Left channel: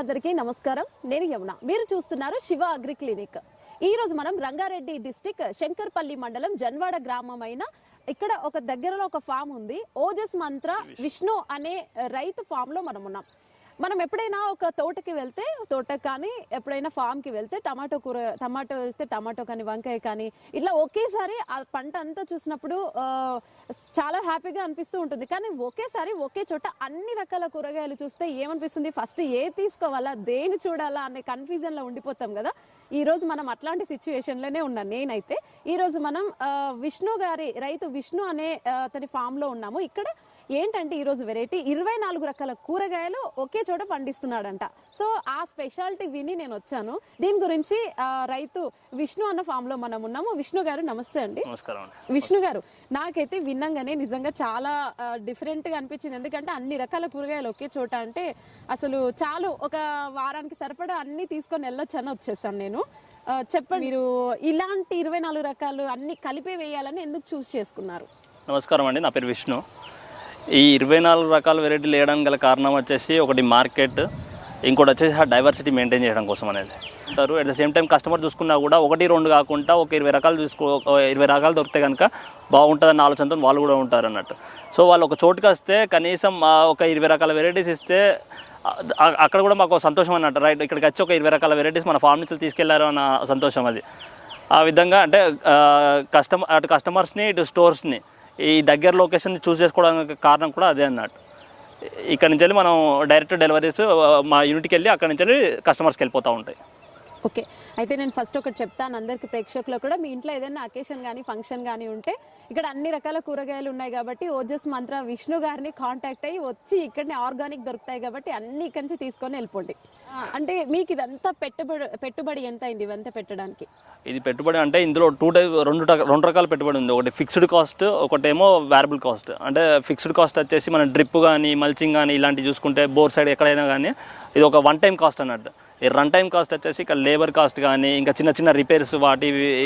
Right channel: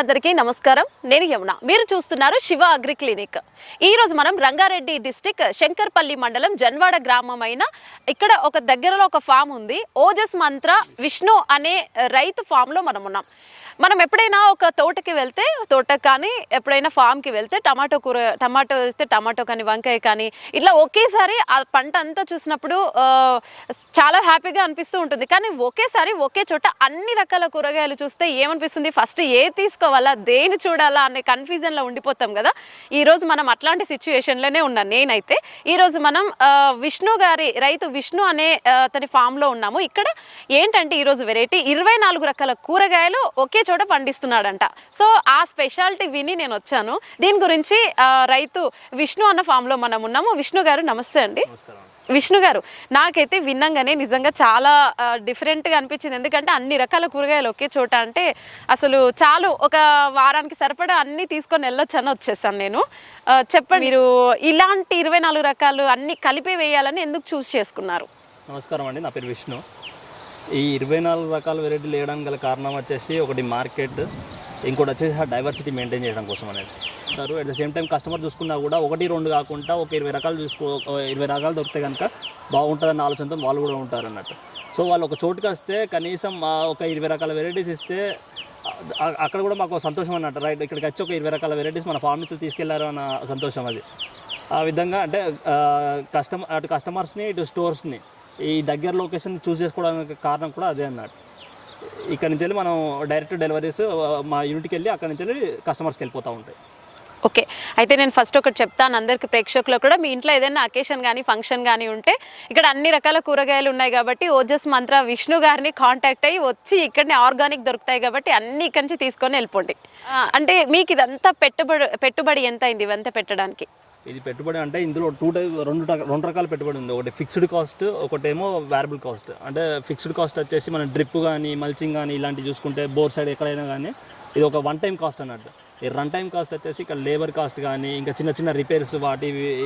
రైతులందరికీ నమస్కారం. నేను యమున. మీరు చూస్తున్నారు శివ అగ్రి క్లినిక్. ఈ రోజు మనం రంగారెడ్డి డిస్ట్రిక్ట్ శంకర్పల్లి మండలం జన్వాడ గ్రామమైన ఇక్కడ ఒక దగ్గరలో ఒక ఫామ్ ఉంది. ఓజస్ మంత్ర విష్ణు అనే రైతు ఫామ్ లో మనం ఉన్నాం. మనం ఎప్పుడైనా ఒక తోటకి వెళ్తే తోటకి కానీ ఎప్పుడైనా ఫామ్కి వెళ్తే టమాటో వేస్తే టమాటో కానీ వంకాయ కానీ ఇట్లా ఒకేసారి ఆ పంట అంతా చూసినప్పుడు చాలా హ్యాపీగా అనిపిస్తూ ఉంటుంది. కానీ ఒకేసారి ఒకే చోట అన్ని రకాల కూరగాయలు చూస్తే ఏమనిపిస్తుంది, ఫస్ట్ ఏ తీసుకోవాలా దేని చూడాలా అనే కన్ఫ్యూజన్లో ఉండిపోతాం కదా. ఈరోజు మనం అట్లాంటి సిచ్యువేషన్లోనే ఉన్నాను నేనైతే. ఈరోజు మనం విష్ణు గారి రైతు విష్ణు అనే తన ఫామ్లో ఉన్నాము. ఇక్కడ ఏంటంటే ఈరోజు వెరైటీ 24 రకాల కూరగాయలు ఒకే చోట పండిస్తున్నాడంట. సో ఆ స్పెషాలిటీ విని నేను వచ్చాను. దీని గురించి రైతు విష్ణు అన్న ఫామ్ లో మనం ఉన్నాము. విష్ణు గారు నమస్తే అండి. విష్ణు గారు, నాకైతే విన్నంగానే నిజంగా చాలా డిఫరెంట్ గా అనిపించింది. ఎందుకంటే అన్ని రకాల కూరగాయలు ఒకే చోట అంటే అసలు చాలు ఒక వారానికి సరిపడా అన్ని తీసుకొని వెళ్ళొచ్చని వచ్చేసాను నేను. చెప్పండి, మీరు ఇలాంటి 24 రకాలు అన్ని కలిపి వేయాలని ఎందుకు చూస్ చేసుకున్నారు? నమస్కారం అండి, నా పేరు విష్ణు. ఈ 24 రకాల వెరైటీలు వేయడానికి గల కారణం వచ్చేసి ఒకటి మార్కెట్, ఇంకోటి వచ్చేసి ఆ డైవర్సిటీ మెయింటైన్ చేయడం కోసం అనేది. At the same time customer చూసుకున్నా కూడా 1-2 కాకుండా ఒక 20 రకాలు 20 రకాలు దొరికితే కనుక బాగుంటుందన్న ఆలోచనతో వాళ్ళు కూడా ఉంటారు అన్నట్టు. సో వాళ్ళు ఒక చోటుకి వస్తే కనీసం ఒక 20 రకాల వెరైటీస్ ఇస్తే అక్కడ కూడా మాకు సంతోషం అన్నట్టు. రైట్, ఇక్కడికి వచ్చి ఒక 20 రకాల వెరైటీస్ మన ఫార్మ్ నుంచి తీసుకెళ్లారు అన్న సంతోషం అది. ఆ విధంగా అంటే అటు కస్టమర్స్ని ఇటు స్టోర్స్ని ఈ దగ్గర లొకేషన్ చూస్ చేసుకోవడానికి కారణం కూడా అదే అన్నట్టు. ఇక్కడ నుంచి వెళ్ళి మనం డైరెక్ట్ డెలివరీస్ మా యూనిట్కి వెళ్ళి అక్కడ నుంచి వెళ్ళి కస్టమర్స్కి వెళ్ళిపోతూ ఉంటాయి. ఓకే, అయితే నేను ఫస్ట్ ఒకటి చెప్తాను అందరికి ప్రేక్షకులకు కూడా. మీ ఇంట్లో ఏదైనా అకేషన్ కానీ ఫంక్షన్ కానీ ఉంటే ఇక్కడ అన్ని రకాల కూరగాయలు ఉన్నాయి కాబట్టి ఓజస్ మంత్ర విష్ణు గారిని కాంటాక్ట్ అయ్యి వచ్చి ఇక్కడనే ఆర్గానిక్ దొరుకుతాయి కాబట్టి అన్ని ఇక్కడి నుంచి తీసుకొని వెళ్ళిపోండి. అంటే మీకు ఇదంతా పెట్టుబడి ఎంత అయింది ఇవంతా పెట్టడానికి? ఇది పెట్టుబడి అంటే ఇందులో రెండు రకాల పెట్టుబడి ఉంది. ఒకటి ఫిక్స్డ్ కాస్ట్, ఒకటేమో వేరబుల్ కాస్ట్. అంటే ఫిక్స్డ్ కాస్ట్ వచ్చేసి మనం డ్రిప్ కానీ మల్చింగ్ కానీ ఇలాంటివి చూసుకుంటే బోర్ సైడ్ ఎక్కడైనా కానీ ఇది ఒక 1 టైం కాస్ట్ అన్నట్టు. ఈ రన్ టైం కాస్ట్ వచ్చేసి ఇక్కడ లేబర్ కాస్ట్ కానీ ఇంకా చిన్న చిన్న రిపేర్స్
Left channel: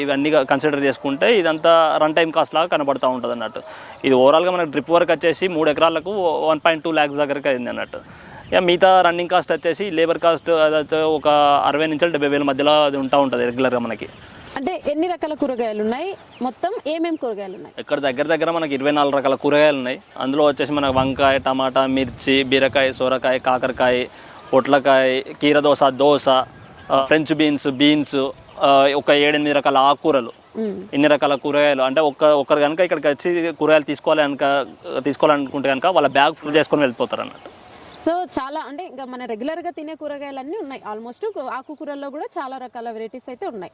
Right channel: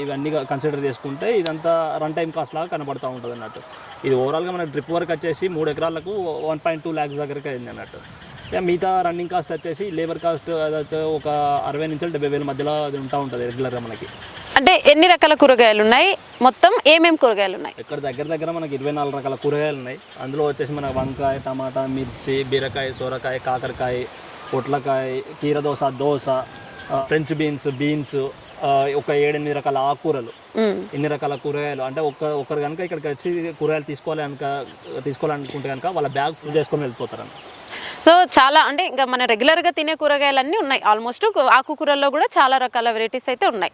ఇవన్నీ కన్సిడర్ చేసుకుంటే ఇదంతా రన్ టైం కాస్ట్ లాగా కనబడుతూ ఉంటుంది అన్నట్టు. ఇది ఓవరాల్గా మనకు డ్రిప్ వర్క్ వచ్చేసి 3 ఎకరాలకు 1.2 lakhs దగ్గరికి అయింది అన్నట్టు. ఇక మిగతా రన్నింగ్ కాస్ట్ వచ్చేసి లేబర్ కాస్ట్ ఒక 60,000 నుంచి 70,000 మధ్యలో అది ఉంటుంది రెగ్యులర్గా మనకి. అంటే ఎన్ని రకాల కూరగాయలు ఉన్నాయి, మొత్తం ఏమేమి కూరగాయలు ఉన్నాయి? ఇక్కడ దగ్గర మనకి 24 రకాల కూరగాయలు ఉన్నాయి. అందులో వచ్చేసి మన వంకాయ, టమాటా, మిర్చి, బీరకాయ, సొరకాయ, కాకరకాయ, పొట్లకాయ, కీరదోస, దోస, ఫ్రెంచ్ బీన్స్, ఒక 7-8 రకాల ఆకుకూరలు, ఇన్ని రకాల కూరగాయలు. అంటే ఒకరు కనుక ఇక్కడికి వచ్చి కూరగాయలు తీసుకోవాలనుకుంటే కనుక వాళ్ళ బ్యాగ్ ఫుల్ చేసుకొని వెళ్ళిపోతారు అన్నమాట. సో చాలా అంటే ఇంకా మన రెగ్యులర్గా తినే కూరగాయలన్నీ ఉన్నాయి. ఆల్మోస్ట్ ఆకుకూరల్లో కూడా చాలా రకాల వెరైటీస్ అయితే ఉన్నాయి.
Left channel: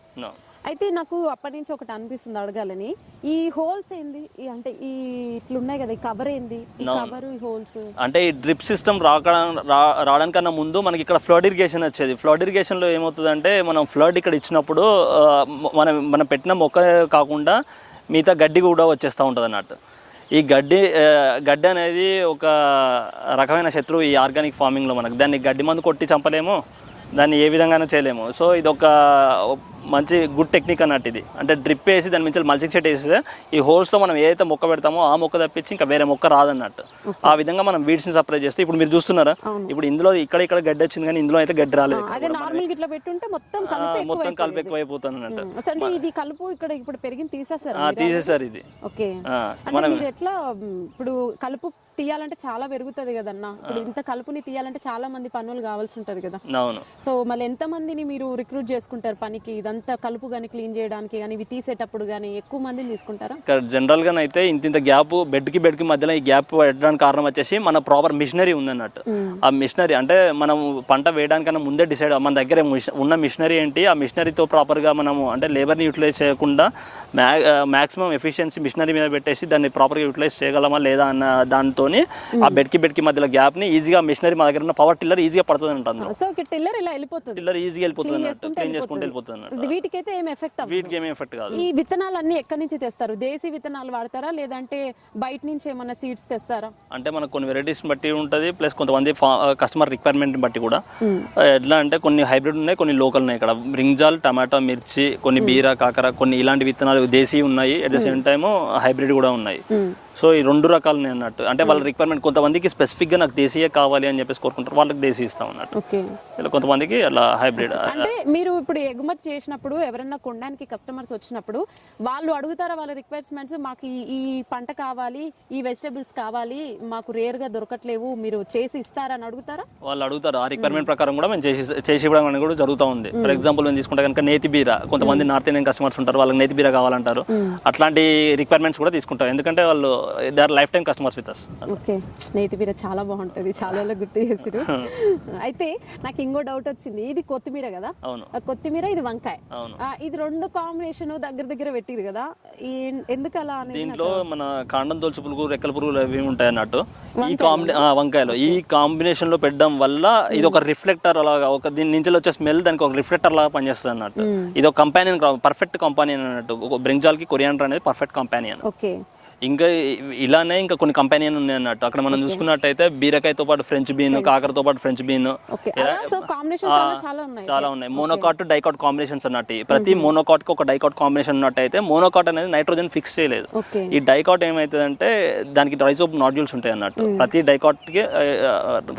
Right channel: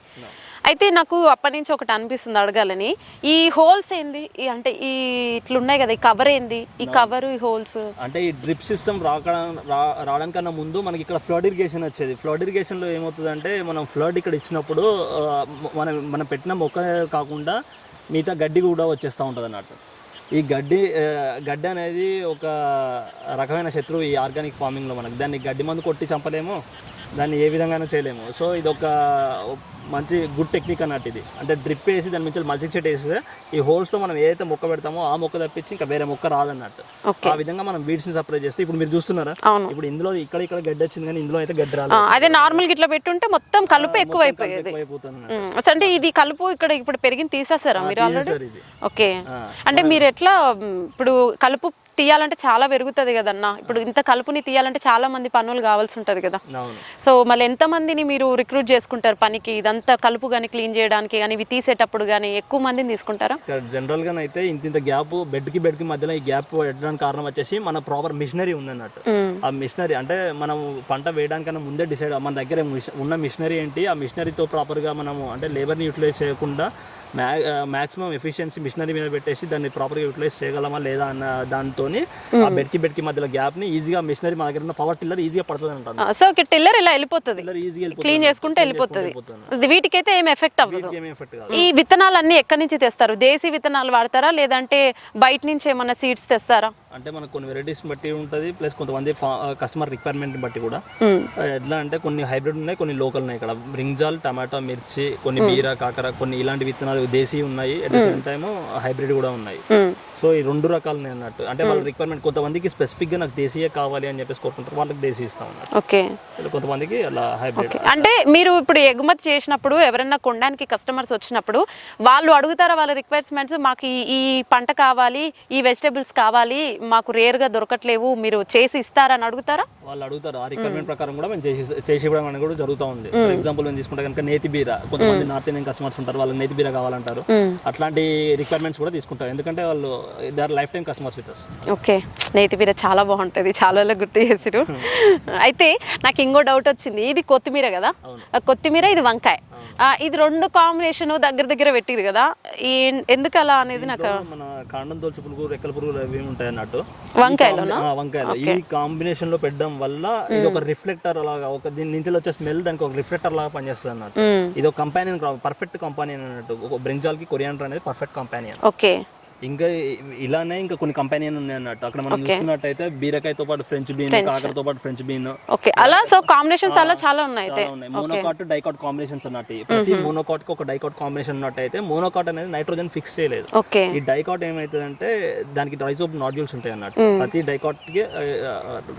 అయితే నాకు అప్పటి నుంచి ఒకటి అనిపిస్తుంది అడగాలని, ఈ హోల్స్ ఏంది అంటే ఈ ఇట్లున్నాయి కదా, ఈ కవర్ ఏంది? ఈ కవర్ ఈ హోల్స్ అంటే ఈ డ్రిప్ సిస్టమ్ రావడానికన్నా ముందు మనకి ఇక్కడ ఫ్లడ్ ఇరిగేషన్ వచ్చేది. ఫ్లడ్ ఇరిగేషన్లో ఏమవుతుందంటే మనం ఫ్లడ్ ఇక్కడ ఇచ్చినప్పుడు మనం పెట్టిన మొక్క కాకుండా మిగతా గడ్డి కూడా వచ్చేస్తూ ఉంటుంది అన్నట్టు. ఈ గడ్డి అనేది ఒక రకమైన శత్రువు ఈ ఆర్గానిక్ ఫార్మింగ్లో. మనకు దాన్ని గడ్డి మందు కొట్టి చంపలేము, దాన్ని ఏ విధంగానే చేయలేము. సో ఇది ఒక మంచి గుడ్ టెక్నిక్ అన్నట్టు. ఇది అంటే డ్రిప్ వేసి దాని నుంచి మల్చింగ్ షీట్ వేస్తే ఈ హోల్స్లో మనం ఏదైతే మొక్క పెడతామో ఆ మొక్క తప్పించి ఇంకా వేరే మొక్క రాదన్నట్టు. ఆ విధంగా మనం వీడ్స్ని సపరేట్ చేస్తే ఇప్పుడు మీరు చూస్తున్నారా, ఇప్పుడు ఇందులో ఇక్కడ గడ్డి వచ్చింది కానీ ఇందులో అయితే గడ్డి రాలేదు. అదే నార్మల్ ఇట్లా పెట్టుంటే మొత్తం కలుపు ఎక్కువైపోతుంది. అంటే ఇది కలుపు ఇక్కడ ఇప్పుడు పెరిగింది తీసేసారా మీరు? ఇది ఓకే, అంటే మీరు ఎట్లా ఇప్పుడు కలుపు తీయాలంటే చాలా పెరుగుతుంది కదన్నా. ఇప్పుడు ఇంత కలుపుని తీయాలంటే చాలా మంది పనులు కావాల్సి ఉంటుంది కదా. సో మళ్ళీ ఎంత మందిని మీరు రిక్రూట్ చేసుకుంటారు పనికి? ఇదంతా కలుపు కానీ క్లీన్ చేయడానికి కానీ ఇవి తీసేటప్పుడు కానీ ఎక్కువ మందిని తీసుకుంటారా? జనరల్ గా అయితే ఇంత గ్యాప్ బెడ్ కి మధ్యలో ఈ గ్యాప్ పెట్టడానికి కారణం వచ్చేసి మన ప్రాపర్ మిషనరీ ఉంది. ఆ మిషనరీ అంటే మనం పంట వేయడానికన్నా ముందే డిసైడ్ మన దగ్గర ఉన్న మిషనరీ ఏంటి, ఆ మిషనరీతో ప్రాపర్ గా మనము అంటే లేబర్ని యూటిలైజ్ చేయకుండా మ్యాక్సిమం ఎఫిషియన్సీ మిషనరీ మీద పెట్టేసి దాన్ని ప్రాపర్గా యూటిలైజ్ చేయగలమా లేదా అన్న దాంతో ఆ బెడ్కి మధ్యలో గ్యాప్ ని ఈజీగా మిషనరీ మా దగ్గర ఉన్న పవర్ టిల్లర్ ఈజీగా పడుతుంది అంటాను. సో టిల్లర్ ఇలా వెళ్ళిపోతుంది, టిల్లర్ ఈజీగా క్లీన్ చేసుకుంటే వెళ్ళిపోతుంది. వీటికైతే ఏం ఎఫెక్ట్ కాదు. ఈ విత్తనాలన్నీ ఎక్కడి నుంచి తెస్తారు? దేశీ విత్తనాలు వాడతారా లేదంటే బయట నుంచి ఏమన్నా సీడ్స్ తెస్తారా? అంటే మనకు కొన్ని వెరైటీస్ బట్టి ఉంటుంది, ప్లస్ కొంతమంది కస్టమర్ రిక్వైర్మెంట్ బట్టి కూడా. ఎట్లా అంటే కొన్ని హైబ్రిడ్ ఉన్నాయి, కొన్ని లోకల్ ఉన్నాయి. ఇక్కడ బ్రింజాల్, టమాటా, మిర్చి, కొన్ని బీర, కాకర, కొన్ని ఇలాంటి విత్తనాలు దేశీ ఉన్నాయి. At the same time hybrid కూడా ఉన్నాయి. సో ఈ 2 రకాలు అన్నట్టు, అంటే వాళ్ళ రిక్వైర్మెంట్ కొంతమందికి స్పెసిఫిక్గా నాకు దేశీయ కావాలి అని చెప్పేసి కోరుకుంటారు, వాళ్ళకి దేశీ ఇస్తాం అన్నట్టు. ఓకే, ఇలా కొంతమందికి అలా హైబ్రిడ్. అంటే మీరు ఇప్పుడు ఎగుమతి చేసినప్పుడు ఎవరైనా కొనడానికి కస్టమర్స్ వచ్చినప్పుడు వాళ్ళు అడుగుతారా వాళ్ళ రిక్వైర్మెంట్స్, మాకు ఈ పంట కావాలి, ఈ వెజిటేబుల్స్ కావాలి, మాకు రేర్గా దొరకట్లేవు, మీరు చేసి ఇస్తారా అని అడుగుతారా? వాళ్ళు అడుగుతారు, ఆ రిక్వైర్మెంట్ ప్రకారం కూడా మేము చేసి ఇవ్వడం అనేది కూడా జరుగుతూ ఉంది. ఫర్ ఎగ్జాంపుల్ మేము తీసుకుంటే కనుక నేతి బీర, కొంతమంది నార్త్ ఇండియన్ కస్టమర్స్ ఉంటారు, వాళ్ళకి నేతి బీర కావాలంటారు, అట్లాంటి రిక్వైర్మెంట్స్ కూడా తీసుకుంటాం, ఎందుకంటే వాళ్ళు they are lifetime customers with us. Okay, నేతి బీర చాలా బాగుంటుంది, చాలా గుర్తు చేసిరు. అయితే నాకు ఇంకో డౌట్ వచ్చింది, ఇది కొత్తిమీర కదా, కొత్తిమీర ఇది వంకాయ, ఇది 2 కాంబినేషన్ దగ్గర పెట్టిరు కదా, ఎందుకు అలా అనేది నాకు. మన కాండం తోల్చు పురుగు, రెక్కల పురుగులు అవి ఉంటాయి అన్నట్టు వంకాయలో, ఈ కాంబినేషన్ లో పెట్టడం వల్ల ఇది ఒక రిఫ్లెక్టర్ లాగా, ఒక దీని నుంచి వచ్చే స్మెల్ దానికి ఒక రిఫ్లెక్టర్ లాగా పనిచేస్తుంది అన్నట్టు. ఇది ఒక కంపానియన్, పర్ఫెక్ట్ కంపానియన్ అన్నట్టు. బ్రింజాల్ కి కొరియాండర్ అనేది పర్ఫెక్ట్ కంపానియన్. ఓకే, ఇంకా ఇలానే ఇంకా కొన్ని కంపెనీలు ఉన్నాయి అన్నట్టు. అక్కడ మనం చూసుకున్నట్టయితే బీరకాయతో పాటు ఫ్రెంచ్ బీన్, కాకరతో పాటు ఫ్రెంచ్ బీన్, అలా సో కాంబినేషన్స్ చాలా ఉన్నాయి. మోనోకాట్, డైకాట్ కాంబినేషన్స్ అన్నట్టు. ప్రతి మోనోకాట్ కి ఒక డైకాట్ కాంబినేషన్ ఉన్నట్టయితే మోనోకాట్ అనేది నైట్రోజన్ ఫిక్స్ చేయలేదు. ఈ డైకాట్ ఏమైతుందంటే దానికి రైజోబ్ నాడ్యూల్స్ ఉంటాయి అన్నట్టు. ప్రతి డైకాట్ కి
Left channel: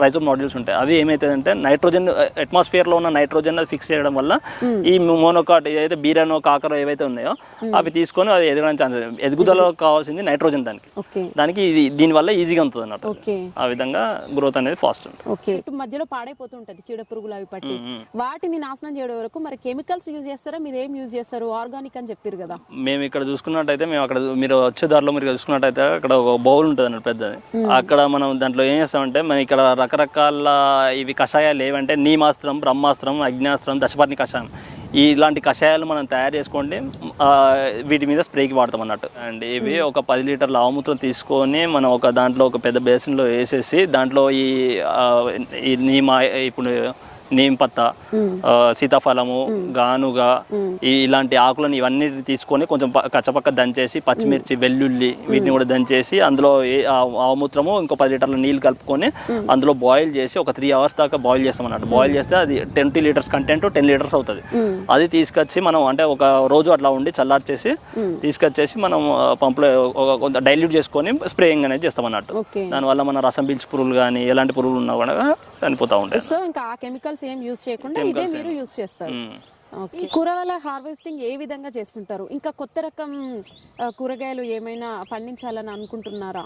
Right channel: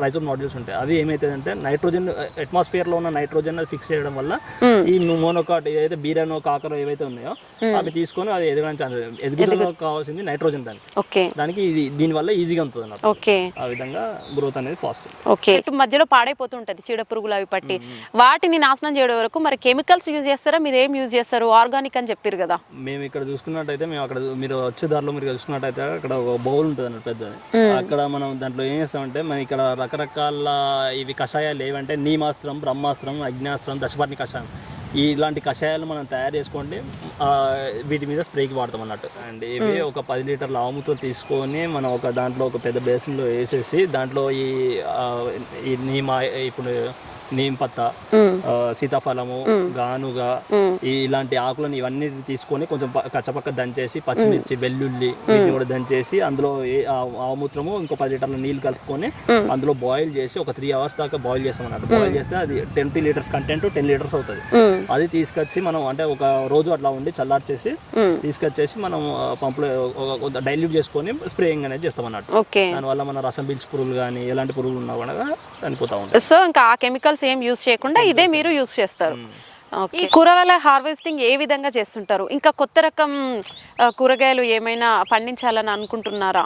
రైజోబ్ నాడ్యూల్స్ ఉంటాయి. అవి ఏమైతుందంటే నైట్రోజన్, అట్మాస్ఫియర్ లో ఉన్న నైట్రోజన్ అది ఫిక్స్ చేయడం వల్ల ఈ మోనోకాట్ ఏదైతే బీరనో కాకరో ఏవైతే ఉన్నాయో అవి తీసుకొని అది ఎదగడానికి ఛాన్స్, ఎదుగుదల కావాల్సింది నైట్రోజన్ దానికి దీని వల్ల ఈజీగా ఉంటుంది అన్నట్టు. ఆ విధంగా గ్రోత్ అనేది ఫాస్ట్. ఓకే, మధ్యలో పాడైపోతుంటది చీడ పురుగులు అవి పట్టి, వాటిని నాశనం చేయడం వరకు మరి కెమికల్స్ యూజ్ చేస్తారా, మీరు ఏం యూజ్ చేస్తారు? ఆర్గానిక్ అని చెప్పారు కదా. మేము ఇక్కడ చూసుకున్నట్టయితే, మేము అక్కడ మీరు వచ్చే దారిలో మీరు చూసుకున్నట్టయితే అక్కడ ఒక బౌల్ ఉంటుంది అన్నట్టు పెద్దది. అక్కడ మనం దాంట్లో ఏం చేస్తామంటే, మనం ఇక్కడ రకరకాల ఇవి కషాయాలు ఏవంటే నీమాస్త్రం, బ్రహ్మాస్త్రం, అగ్నాస్త్రం, దశపర్ణి కషాయం, ఇలాంటి కషాయాలు మనం తయారు చేసుకోండి, వీటి మీద స్ప్రేకి వాడతాం అన్నట్టు. అండ్ ఇవి ఒక 10 లీటర్ల ఆవుమూత్రం తీసుకొని మనం ఒక దాంట్లో ఒక పెద్ద బేసిన్లో వేసేసి దాంట్లో ఈ ఇప్పుడు నీమ్ పత్తా, సీతాఫలము, గానుగా, ఇలాంటి ఆకులను ఇవన్నీ తీసుకొని కొంచెం కచ్చపక్క దంచేసి పచ్చిమిర్చి, వెల్లుల్లి వీటిని కూడా దంచేసి అందులో ఆవుమూత్రము ఇంకో 10 లీటర్ల నీళ్ళు కలుపుకొని అందులో బాయిల్ చేసి ఒక 3 అవర్స్ దాకా బాయిల్ చేస్తాం అన్నట్టు. బాయిల్ చేస్తే అది 20 లీటర్స్ కంటెంట్ 10 లీటర్స్ అవుతుంది. అది తీసుకొచ్చి మనం అంటే ఒక రోజు అట్లా ఉండి చల్లార్చేసి తీసుకొచ్చేసి మనం పంపులో డైల్యూట్ చేసుకొని స్ప్రేయింగ్ అనేది చేస్తాం అన్నట్టు. దానివల్ల మన రసం పీల్చి పురుగులు కానీ ఎలాంటి పురుగులు ఉన్నా కూడా చనిపోతా ఉంటాయి. సో ఇంకా ఆ కెమికల్స్ ఏం యూజ్ చేయకుండా ఇదే మీరు యూజ్ చేస్తారు. ఈ కూరగాయల హార్వెస్టింగ్ ఏ విధంగా చేస్తుంటారు? ఇంకా కొత్త రకం కూరగాయలు ఏమైనా పండించాలని అనుకుంటున్నారా?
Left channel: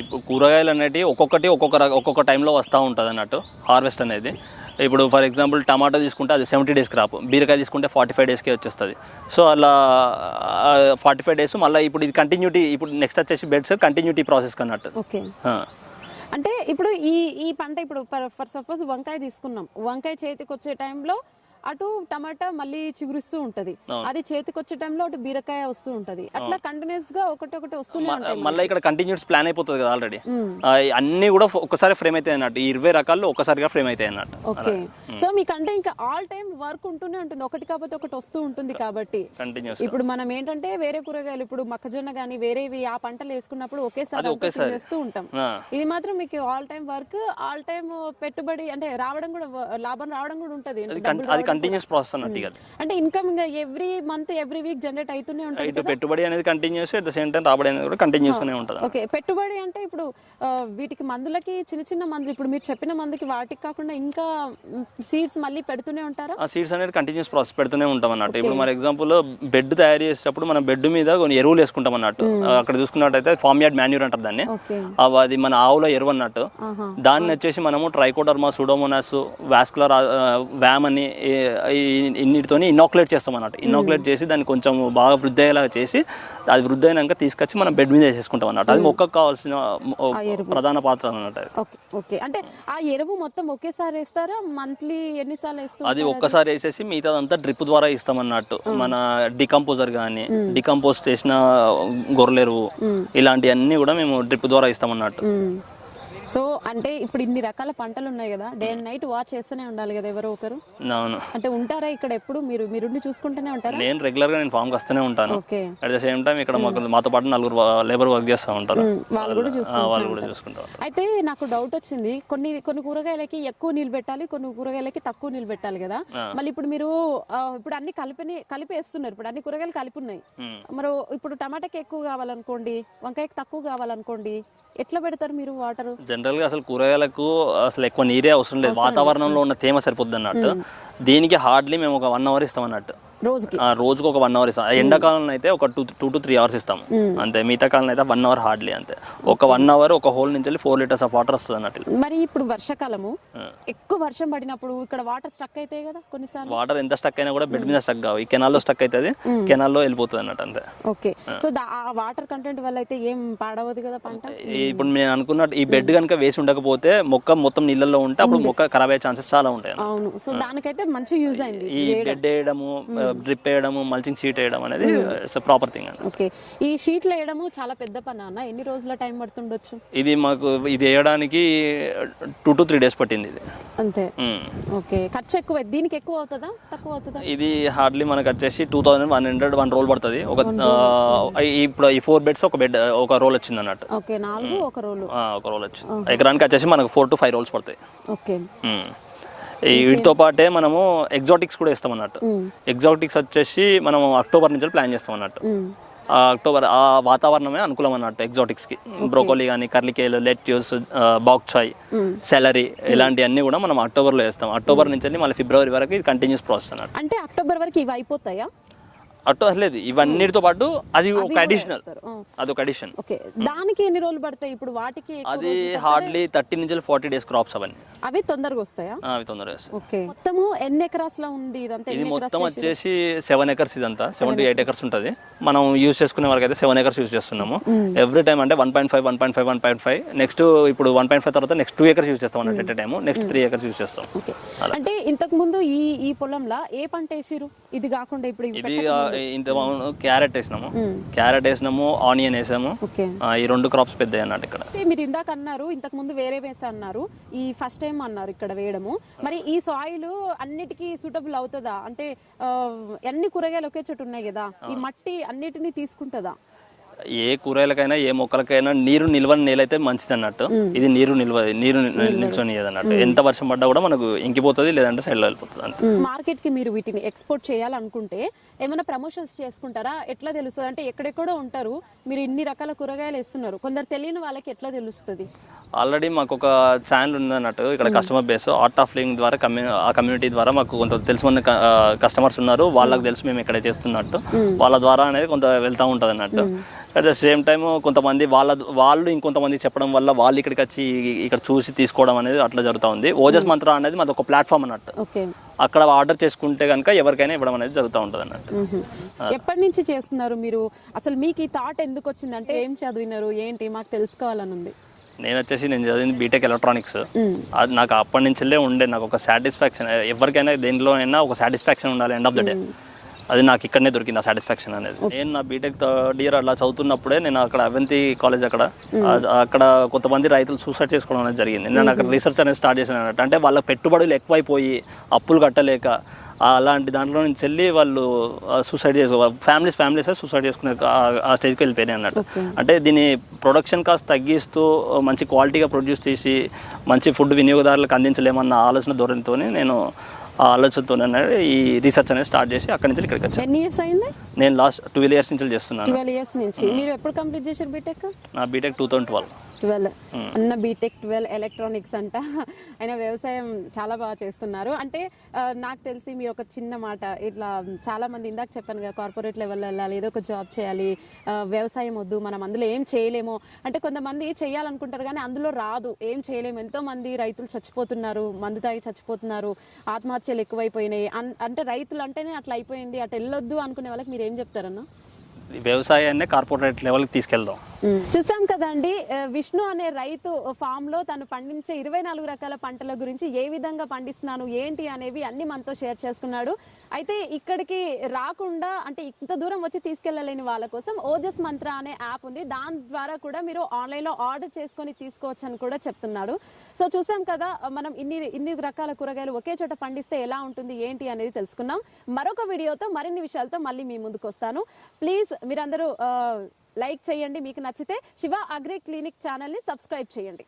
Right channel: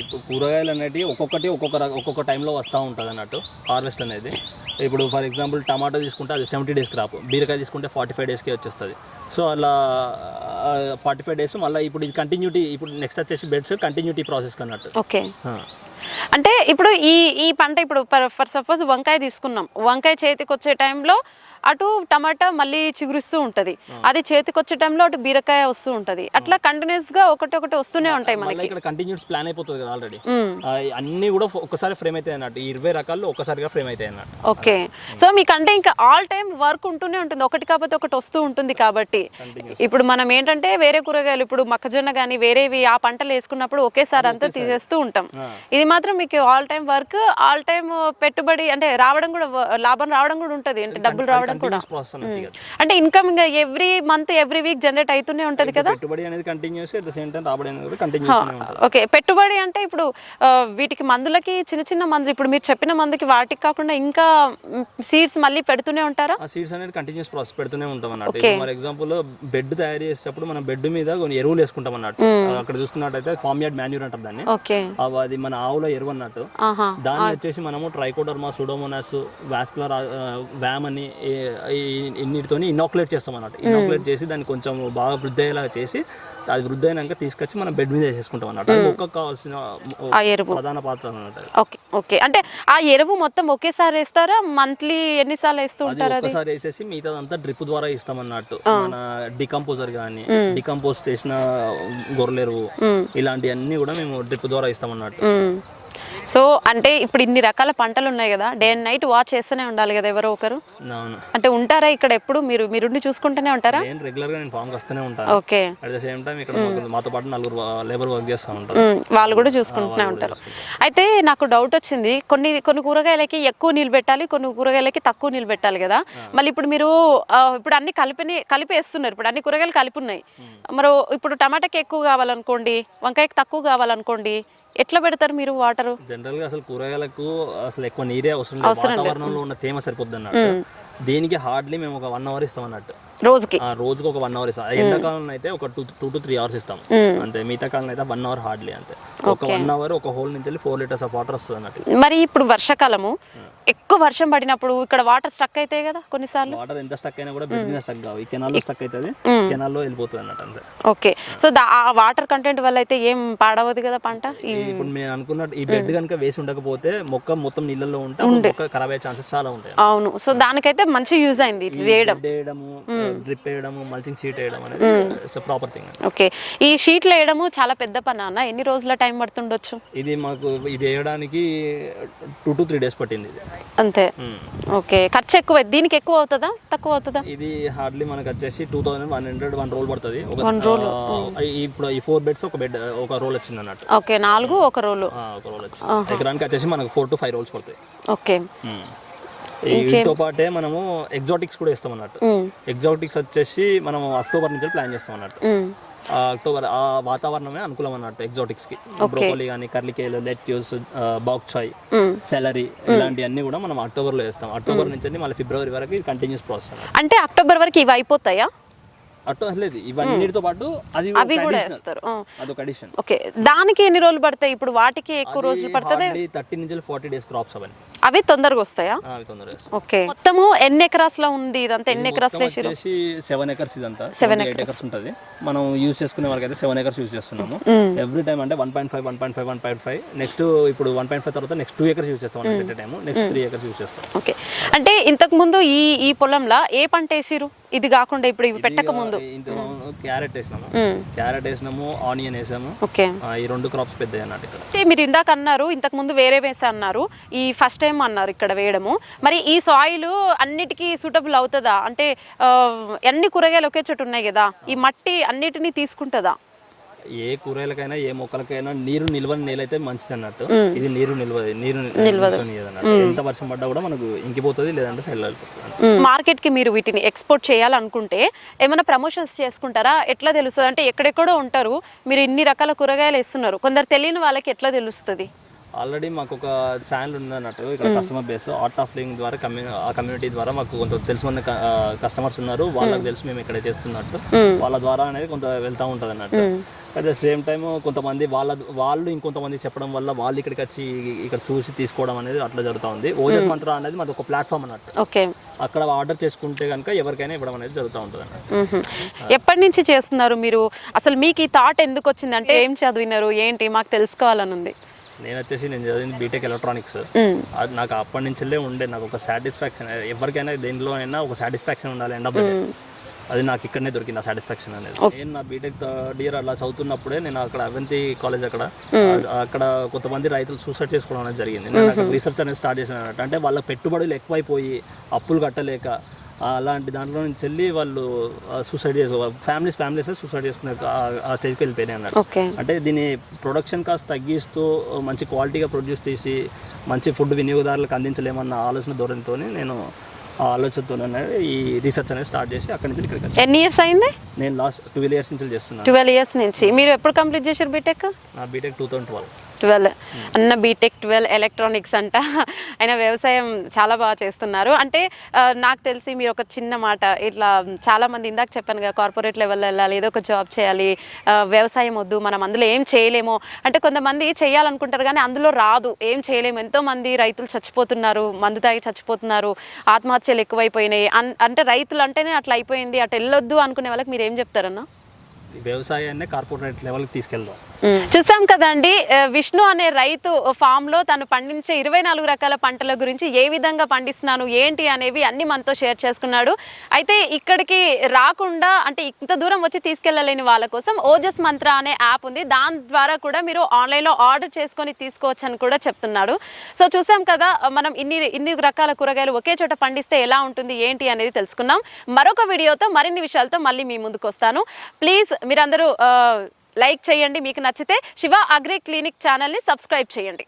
ఇప్పుడు కూరగాయలు అనేటివి ఒక్కొక్క టైంలో వస్తూ ఉంటుంది అన్నట్టు హార్వెస్ట్ అనేది. ఇప్పుడు ఫర్ ఎగ్జాంపుల్ టమాటా తీసుకుంటే అది 70 డేస్ క్రాప్, బీరకాయ తీసుకుంటే 45 డేస్కే వచ్చేస్తుంది. సో అలా 45 డేస్ మళ్ళీ ఇప్పుడు ఇది కంటిన్యూటీ, ఇప్పుడు నెక్స్ట్ వచ్చేసి బెడ్స్ కంటిన్యూటీ ప్రాసెస్ అన్నట్టు. ఓకే, అంటే ఇప్పుడు ఈ పంట ఇప్పుడు ఫర్ సపోజ్ వంకాయ తీసుకున్నాం, వంకాయ చేతికి వచ్చే టైంలో అటు టమాటా మళ్ళీ చిగురిస్తూ ఉంటది, అది చేతికి వచ్చే టైంలో అటు బీరకాయ వస్తూ ఉంటది, అట్లా కంటిన్యూస్ గా ఒకటి వస్తూనే ఉంటాయి. మళ్ళీ ఇక్కడ కంటిన్యూస్ ప్లాన్ అయిపోతుంది కదా ఆల్రెడీ, అన్ని కూడా ఒకసారి ఫ్రేమ్ అవుతాయి అన్నట్టు. 20 రకాలు ఒకసారిగా ఫ్రేమ్ అవుతాయి అన్నట్టు. ఓకే, సో మీకంటే ఇంకా ఆల్ టైమ్ వర్క్ ఉంటూనే ఉంటుంది, ఒకటి కాకపోతే ఒకటి వస్తూ ఉంటుంది కాబట్టి. ఇప్పుడు మనం ఏంటంటే వేరే కూరగాయలు ఇప్పుడు మొక్కజొన్న కానీ వేరేవి ఆ పంటలు వేసుకున్నప్పుడు ఒకేసారి అంతా తీసేస్తూ ఉంటాం. ఇది మాత్రం మీకు all time work, all time పెట్టుబడి అంటే రావడం కూడా, లాభం రావడం కూడా ఉంటుంది, డబ్బులు రావడం. అంటే income every month every week generate అవుతూనే ఉంటది కదా. పెట్టుబడి అనేది continuous, at the same time రాబడి అనేది కూడా కంటిన్యూస్ గానే ఉంటది. ఓకే, పెట్టుబడి అంటే ఇప్పుడు వీటికి మందులకి చిన్న మందులు, ఇప్పుడు మీరు చెప్పిన మందుకి వాటికి కాకుండా ఇంకా సీడ్స్ మళ్ళీ పెడుతూనే ఉంటారా? ఆ సీడ్స్ అనేది కంటిన్యూస్ ప్రాసెస్ పెడుతూనే ఉంటాం అన్నట్టు. ఇప్పుడు ఫర్ ఎగ్జాంపుల్ బెడ్ తయారు చేసేటప్పుడు మనం బెడ్ మీద కొన్ని ఎరువులు వేసుకుంటాం అన్నట్టు. అక్కడ చూసుకున్నట్టయితే ఫార్మ్ యార్డ్ మాన్యూర్ అంటారు దాన్ని. అది మన ఆవుల ఎరువు అన్నట్టు. దాన్ని వచ్చేసి మనము ట్రైకోడర్మా, సూడోమోనాస్, వాస్కులర్ వ్యామ్ అని ఇన్నిటితోని ఇనాక్యులేట్ చేస్తాం అన్నట్టు. ఇనాక్యులేట్ చేసి దాన్ని కొంచెం బాగా వృద్ధి అయ్యేలా చేసి అది వృద్ధి అయినాక తీసుకొచ్చి మనం బెడ్ మీద వేసేసుకుంటాం అన్నట్టు. అది మొక్కకు కావాల్సిన ప్రధాన పాత్ర అన్నట్టు. ఓకే, అంటే ఆ ఎరువు మొత్తం ఒకేసారి వేస్తారా, మంత్లీ ఎన్నిసార్లు వేస్తూ? అది ఒక్కసారి వేసేసి మిగతాదంతా డ్రిప్ ద్వారా ఇస్తాం అన్నట్టు. మన డికంపోజర్ కానీ, డికంపోజ్ చేసిన గొర్రెలెరువు, ఇలాంటివన్నీ కూడా మేము డ్రిప్ ద్వారా ఇస్తాం అన్నట్టు. సో అంటే ఇప్పుడు ఇన్ని రకాల పంటలు ఉన్నాయి కదా, డే అండ్ నైట్ వాచ్ చేస్తూనే ఉండాలి కదా ఎవరో ఒకరు. అవును. అంటే ఉంటారా ఇక్కడ ఎప్పుడు మీరుండి చూసుకుంటూనే ఉంటారా? నేను రెగ్యులర్గా నేను ఫామ్కి వస్తూనే ఉంటాను. Okay. At the same time ఇక్కడ మాతో పాటు 4 లేబర్ వర్క్ చేస్తూ ఉంటారు, వాళ్ళు కూడా చూసుకుంటూనే ఉంటారు. అయితే నాకు డౌట్ వచ్చింది, కొన్ని కూరగాయలకి ఎక్కువ నీళ్ళు పెట్టాలి, కొన్ని కూరగాయలకి తక్కువ నీళ్ళు పెట్టాలి కదా. మళ్ళీ ఇప్పుడు మీరు ఇప్పుడు అన్ని కలిపేస్తున్నారు, ఇప్పుడు అన్ని కూరగాయలు కలిపి ఉన్నాయి. మరి ఇప్పుడు టమాటాకి ఎక్కువ కావాలనుకోండి, వంకాయకి తక్కువ కావాలనుకోండి, ఎట్లా పెడతారు మీరు వాటర్? జనరల్ గా అసలు కూరగాయలకు అసలు ఎక్కువ నీరే అవసరం లేదు, వాతావరణంలో ఉన్న తేమ సరిపోద్ది అన్నట్టు. దీనికి హార్డ్లీ మేము ఒక 1 అవర్ ఇస్తాం అన్నట్టు, రోజుకి ఒక 1 అవర్ ఇస్తాం. ఎండాకాలంలో అయితే ఒక 2 to 3 అవర్స్ ఇస్తాం అంతే. మిగతా కాలం అయితే 1 అవర్ హార్డ్లీ అంతే. ఒక 1 అవర్ ఒక హోల్ నుంచి 4 లీటర్స్ ఆఫ్ వాటర్ వస్తుంది అన్నట్టు. మరి ఇప్పుడు వర్షాకాలము ఎక్కువ వర్షం పడినప్పుడు ఇక్కడ వాటర్ స్టక్ అవుతాయి కదా కొన్నిసార్లు. వాటర్ ఎంత స్టక్ అయినా కూడా బెడ్ మీద స్టక్ కావు, ఈ కెనాల్లో స్టక్ అవుతుంది, కెనాల్లో వెళ్ళిపోతుంది అన్నట్టు అంతే. ఓకే. సో ఆ వాటర్ కంటెంట్ వల్ల అయితే ఏం పాడవదు కదా పంట? ఇప్పుడు నేను అనుకున్నట్టు ఈ బెడ్ కనుక వేసి ఉండకపోతే మొక్క మొత్తం నీళ్ళల్లో ఉంటే అప్పుడు మొక్క ఖరాబ్ అయ్యే ఛాన్సెస్ చాలా ఉంటాయి. అవును. సో దానికైతే మంచి యూజ్ అయింది వేయడము, డ్రిప్ వేయడము, మల్చింగ్ షీట్ వేయడం అనేది ప్రాపర్ థింగ్. ఓకే. ఈ షీట్లు వేయడము చాలా పెద్ద పని అన్న, ఎన్ని రోజుల టైం పడుతుండొచ్చు? ఇది మాకు ఇది వేయడానికి 2 to 3 డేస్ పట్టింది ఇది అంతే. ఓకే. ఖర్చు ఎక్కువ, దీనికి ఎక్కువ అవుతుందా తక్కువ అవుతుందా? ఇది హార్డ్లీ మనకు వచ్చేసి 2100 1 రోల్ పడుతుంది. ఇప్పుడు ఈ 4 బెడ్స్ ఒక రోల్ వచ్చింది అన్నట్టు. ఓకే. 4 ఒక రోల్ వచ్చింది. ఎకరానికి వచ్చేసి మనకు 4 to 5 రోల్స్ పడతాయి. ఓకే. వీటితో పాటే మనము ఎగ్జాటిక్స్ కూడా ఇస్తాం అన్నట్టు. ఎగ్జాటిక్స్ వచ్చేసి మనం అక్టోబర్ నుంచి ప్లాన్ చేస్తాం అన్నట్టు. అక్టోబర్ ఆ వాతావరణమే అనుకూలం అన్నట్టు ఎగ్జాటిక్స్ కి. బ్రోకోలీ కానీ, కర్లికేలు, లెట్యూస్, బాక్ చాయ్, సెలరీ ఇలాంటివన్నీ కూడా మనం అక్టోబర్ లో వేస్తాం. అక్టోబర్ నుంచి మళ్ళీ ఫిబ్రవరి వరకు ఇది కంటిన్యూస్ ప్రాసెస్ అన్నట్టు. అంటే అక్టోబర్ వరకు ఇవి అయిపోతాయి లేదు, ఇవన్నిటితో పాటు అది ఒక అడిషనల్, అదొక అడిషన్. ఓకే. దానికి ఎన్ని రోజులు పడతాయి? ఇప్పుడు వాటికి ఎక్కువ రోజులు పడతాయి. హార్డ్లీ 30 నుంచి 40 డేస్ క్రాప్స్ అవన్నీ. అవి తొందరగా వస్తాయా? అవి తొందరగా వస్తాయి. ఓకే. మొత్తము ఎన్ని ఎకరాస్ లో ఉంది ఇదంతా? ఎన్ని ఎకరాస్ లో వచ్చేసి 7 acres ఇదంతా. 8 acres ఉంటది. మనం యూజ్ చేసుకునే వరకు అయితే 7 acres యూజ్ చేస్తున్నాము. ఎవ్రీ టైం అంటే 1.5 నెక్స్ట్ ఇప్పుడు 1.5 తర్వాత నెక్స్ట్ 2 acres యూజ్ చేస్తాం అన్నట్టు. At time next 3 acres use చేస్తాం. ఓకే. అంటే ఇంతకు ముందు ఈ పొలంలో ఏ పంట వేసిరు? ఇది కాకుండా ఇప్పుడు ఇవి పెట్టక ముందు క్యారెట్ వేసినాము, ఆనియన్ వేసాము. ఈ 2 క్రాప్స్ పెద్ద అన్నట్టు ఇక్కడ. మీరు ఇందాక అన్నారు ఇంతకు ముందు వేరే వేసా అన్నారు, ఈ ఫస్ట్ టైం అన్నారు ఇక్కడ వేయడము. మరి ఈ సాయిల్ అన్నిటికీ సూటబుల్ అవుతుందా? అంటే అన్ని కూరగాయలు ఒకే చోటు ఉన్నాయి కదా, ఈ మట్టి అన్నిటినీ తీసుకుంటుందా? ఏ కూరగాయలకైనా ఏ మొక్కలకైనా నీరు నిల్వని నేలైతే మంచిది అన్నట్టు. ఇది నీరు నిల్వని అన్నట్టు. ఎంత వర్షం పడ్డా కూడా మనకు ఇంకిపోతుంది, లేదంటే సైడ్ లో వెళ్ళిపోతుంది. మార్కెట్ కి మీరు వీటిని ఎక్స్పోర్ట్ చేయాలనుకుంటే ఏమైనా ప్రమోషన్స్ చేసుకుంటారా? ఎట్లా తెలుస్తుంది? అంటే ఎక్కడెక్కడో ఉంటారు, మీరు ఇన్ని రకాల కూరగాయలు వేస్తున్నారు, కొందరు తెలియని వాళ్ళకి ఎట్లా తెలుస్తుంది? ఆల్రెడీ మాకు ఒక ఛానల్ ఉంది అన్నట్టు ఇక్కడ, customer base art of living ద్వారా ఆ కమ్యూనిటీ ద్వారా మాకు కొంత తెలిసిన కస్టమర్స్ ఉన్నారు. వాళ్ళకి తెలుసు మేము ఇక్కడ చేస్తున్నట్టు, వాళ్ళ ద్వారా అనేది కొంత వెళ్తూ ఉంటుంది అన్నట్టు. అట్ ద సేమ్ టైమ్ కొంతమంది వాళ్ళు ఇంకొంతమంది చెప్పడం వల్ల వాళ్ళు ఇక్కడికి వచ్చి ఇక్కడ చూసి తీసుకోవడం అనేది అట్లా జరుగుతూ ఉంది. ఓజస్ మంత్ర అనేది మాది ఒక ప్లాట్ఫామ్ అన్నట్టు. అక్కడ ఆర్డర్ చేసుకుంటే కనుక ఎవరికైనా ఇవ్వడం అనేది జరుగుతూ ఉంటుంది అన్నట్టు. ఎప్పటి నుంచి చేస్తున్నారు మీరు? అసలు మీకు ఈ థాట్ ఎందుకు వచ్చింది? అంటే ఏం చదివినారు ఏంటి మాకు తెలుసుకోవాలని ఉంది. నేను చదివింది బీటెక్ ఎలక్ట్రానిక్స్. అది నాకు అప్పటి నుంచే ఉండే, నాకు ఒక సాటిస్ఫాక్షన్, ఎవరికైనా దేంట్లో అయినా ఒక సాటిస్ఫాక్షన్ ఉండాలి ఎండ్ ఆఫ్ ద డే. అది నాకు ఇక్కడనే దొరికింది ఆ సాటిస్ఫాక్షన్ అనేది. నేను నా బీటెక్ 3rd year అలా చదువుతున్నప్పుడే నేను అక్కడ అవంతి కాలేజ్ అక్కడ కొంతమంది రైతులు సూసైడ్ చేసుకోవడం అనేది జరిగింది. నేను అక్కడ రీసెర్చ్ అనేది స్టార్ట్ చేశాను అన్నట్టు. అంటే వాళ్ళ పెట్టుబడులు ఎక్కువైపోయి అప్పులు కట్టలేక అలాంటి దాంట్లో నుంచి వెళ్ళి వాళ్ళు సూసైడ్ చేసుకోవాలి, ఫ్యామిలీస్ సూసైడ్ చేసుకునే ఆ స్టేజ్కి వెళ్ళిపోయినాయి అన్నట్టు. అంటే దీని ప్రొడక్షన్ కాస్ట్ తగ్గిస్తూ మంచి క్వాలిటీగా ప్రొడ్యూస్ చేసి మంచి ఫుడ్ వినియోగదారులకు అందించలేమన్న ఆలోచన ధోరణితో నేను ఆలోచనతో ఈ రీసెర్చ్ అనేది స్టార్ట్ చేసి అక్కడి నుంచి ఇక్కడికి వచ్చాను. ఎన్ని ఇయర్స్ అయింది? నేను లాస్ట్ 12 years నుంచి చేస్తున్నాను. 12 years నుంచి. మీరు ఎప్పుడు కంప్లీట్ చేశారు బీటెక్? నా బీటెక్ 2012. అన్న బీటెక్ 12 ఎలక్ట్రానిక్స్ అంట. ఆయన వ్యవసాయం చాలా బాగా చేస్తున్నారు. అంటే నాకు తెలిసి మీరు ఒక చిన్న మాట, ఇట్లా చాలా మంది ఇందాక చెప్పాను కదా, కార్పొరేట్ లెవెల్లో వెళ్ళాలి, ఏదో ఒక జాబ్ చేయాలి, వ్యవసాయం వద్దు, మనం అందులో ఏం చేయలేము అంటే కొంతమంది చేయాలనుకుంటారు కానీ అందులో రాదు, ఏం చేయలేము. ఎంతోమంది రైతులు చచ్చిపోతున్నారు, మందు తాగి చచ్చిపోతున్నారు, ఆత్మహత్యలు ఎక్కువైపోయినాయి. అంటే రైతులు అంటేనే అట్లా అయిపోయింది, అటు వెళ్ళొద్దు అనుకునే వాళ్ళకి మీరు ఏం చెప్తారన్నా? వ్యవసాయాన్ని కార్పొరేట్ లెవెల్కి తీసుకెళ్దాం. చూసాం కదండి, విష్ణు అనే రైతు ఫామ్ లో తను పండించే 24 రకాల పంటల గురించి ఏ విధంగా పండిస్తున్నాను ఏంటి అనేవి అన్ని మనతో షేర్ చేసుకున్నాడు. అయితే ఇక్కడికి రాకుండా అంటే ఇంత దూరం వచ్చి తీసుకెళ్లలేని వాళ్ళ కోసం ఓజస్ మంత్ర అనే యాప్ ఉంది, దాని ద్వారా కూడా మీరు ఆన్లైన్ లో ఆర్డర్ చేసుకొని తీసుకోవచ్చు అని కూడా చెప్తున్నాడు. సో చూసాం కదా, మనం ఇన్ని రకాల కూరగాయలు ఒకే చోట పండిస్తే ఎలా ఉంటుంది ఏంటి అనేది తెలుసుకున్నాం. మరొక వీడియోతో మరిన్ని విషయాలతో మళ్ళీ మీ ముందుకు వస్తాను. ప్లీజ్ మీరందరూ లైక్ చేయండి, మీకు నచ్చితే శివ అగ్రి క్లినిక్ ఛానల్ని సబ్స్క్రైబ్ చేయండి.